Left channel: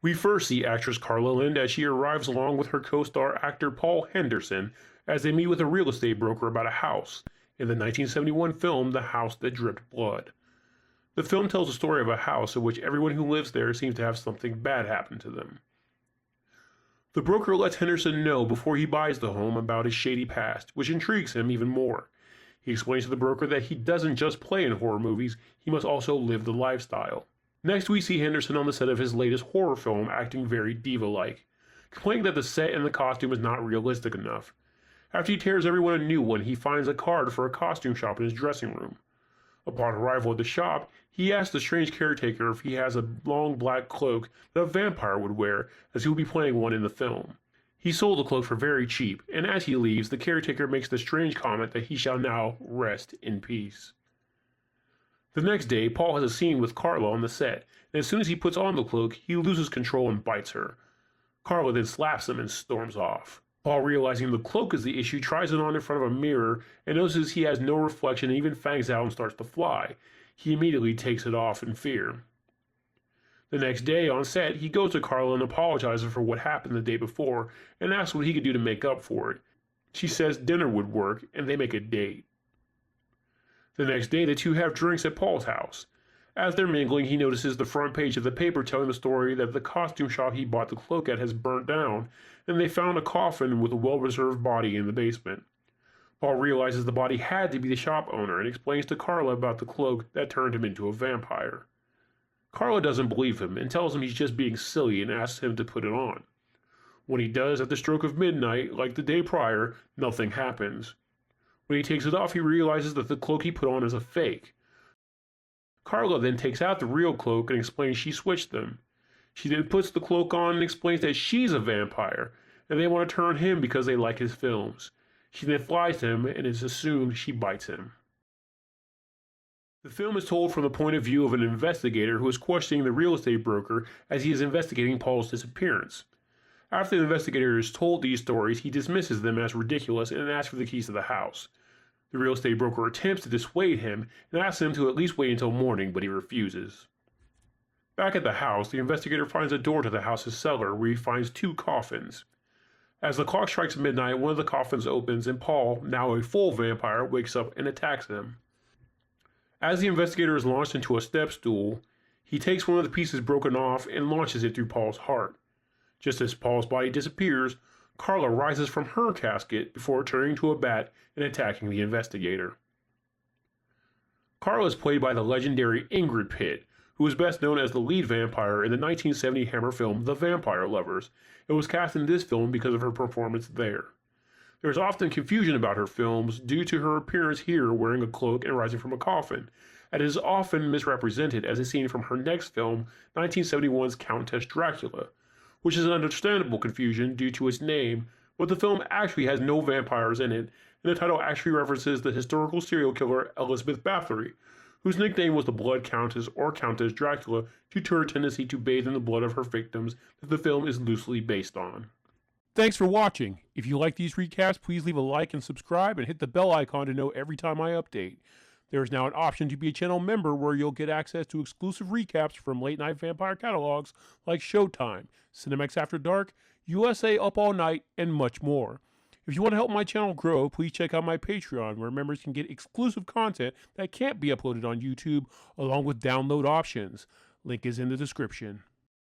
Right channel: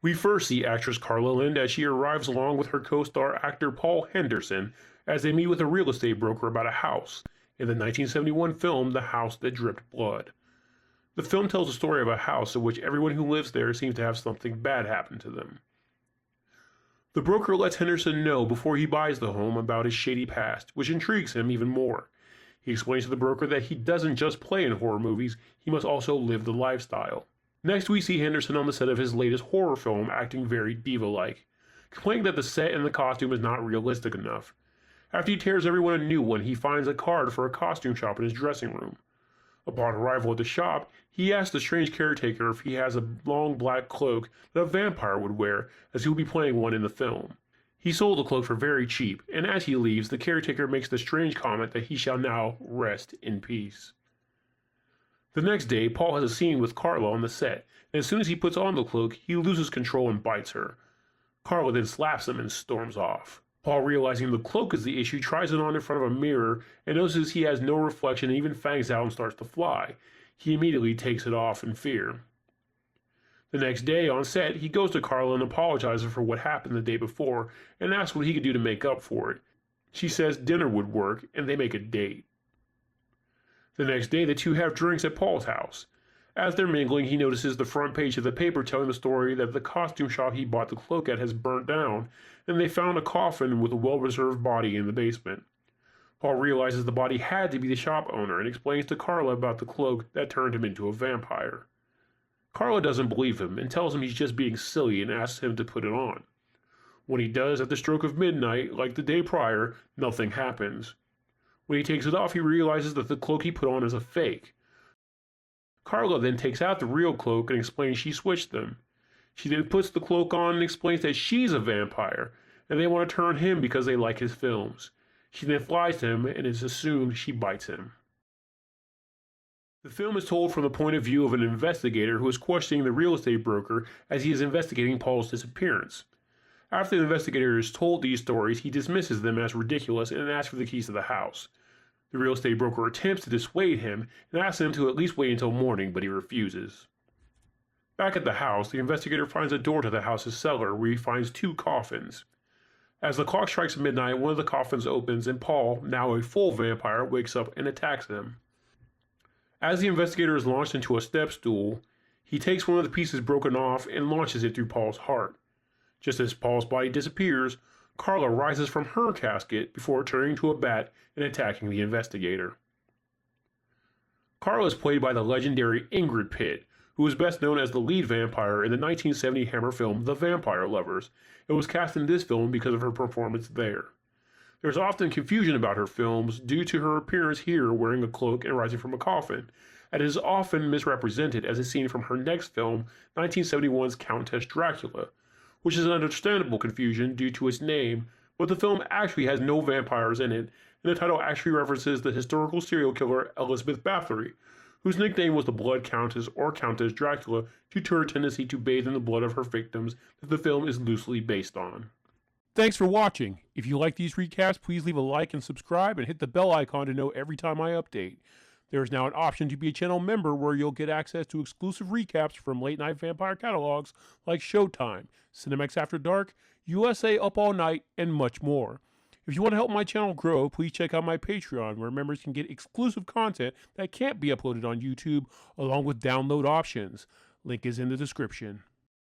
We first see actress Carla Lynde as she arrives along with her co-star actor Paul Henderson as they meet with a real estate broker about a house in the 1971 film The House That Dripped Blood. The film tells the story of a house in which everyone who lives there seems to have something bad happen to them. The broker lets Henderson know before he buys the home about his shady past, which intrigues him even more. He explains to the broker that he doesn't just play in horror movies, he must also live the lifestyle. Next, we see Henderson on the set of his latest horror film acting very diva-like, complaining that the set and the costume is not realistic enough. After he tears everyone a new one, he finds a card for a costume shop in his dressing room. Upon arrival at the shop, he asks the strange caretaker if he has a long black cloak that a vampire would wear, as he will be playing one in the film. He sold the cloak for very cheap, and as he leaves, the caretaker makes the strange comment that he shall now rest in peace. The next day, Paul has a scene with Carla on the set, and as soon as he puts on the cloak, he loses control and bites her. Carla then slaps him and storms off. Paul, realizing the cloak is the issue, tries it on in front of a mirror and notices he has no reflection and even fangs out and starts to fly. He immediately takes it off in fear. The next day on set, he goes to Carla and apologizes for what happened the day before and asks what he could do to make up for it. She says dinner would work, and they make a date. The next day, the two have drinks at Paul's house. As they're mingling, he notices the front page of the paper telling the story that the costume shop he bought the cloak at has burnt down, and they found a coffin with a well-preserved body in the basement. Paul realizes the body had to be the shop owner and explains to Carla about the cloak that turned him into a vampire. Carla doesn't believe him and tells him he's just being silly and asks him to put it on. When he does at the stroke of midnight, like the day prior, nothing happens. When he takes it off, he realizes that the cloak he put on is a fake. Carla then takes out the real cloak and explains she switched them. She then puts the cloak on and explains that she's a vampire, and they want to turn him because they like his films. She then flies him, and it's assumed she bites him. The film is told from the point of view of an investigator who is questioning the real estate broker as he is investigating Paul's disappearance. After the investigator is told these stories, he dismisses them as ridiculous and asks for the keys to the house. The real estate broker attempts to dissuade him and asks him to at least wait until morning, but he refuses. Back at the house, the investigator finds a door to the house's cellar where he finds two coffins. As the clock strikes midnight, one of the coffins opens and Paul, now a full vampire, wakes up and attacks him. As the investigator is launched into a step stool, he takes one of the pieces broken off and launches it through Paul's heart. Just as Paul's body disappears, Carla rises from her casket before turning to a bat and attacking the investigator. Carla is played by the legendary Ingrid Pitt, who is best known as the lead vampire in the 1970 Hammer film The Vampire Lovers, and was cast in this film because of her performance there. There is often confusion about her films due to her appearance here wearing a cloak and rising from a coffin, and is often misrepresented as a scene from her next film, 1971's Countess Dracula, which is an understandable confusion due to its name, but the film actually has no vampires in it, and the title actually references the historical serial killer Elizabeth Bathory, whose nickname was the Blood Countess or Countess Dracula due to her tendency to bathe in the blood of her victims that the film is loosely based on. Thanks for watching. If you like these recaps, please leave a like and subscribe and hit the bell icon to know every time I update. There is now an option to be a channel member where you'll get access to exclusive recaps from late-night vampire catalogs like Showtime, Cinemax After Dark, USA Up All Night, and much more. If you want to help my channel grow, please check out my Patreon, where members can get exclusive content that can't be uploaded on YouTube, along with download options. Link is in the description.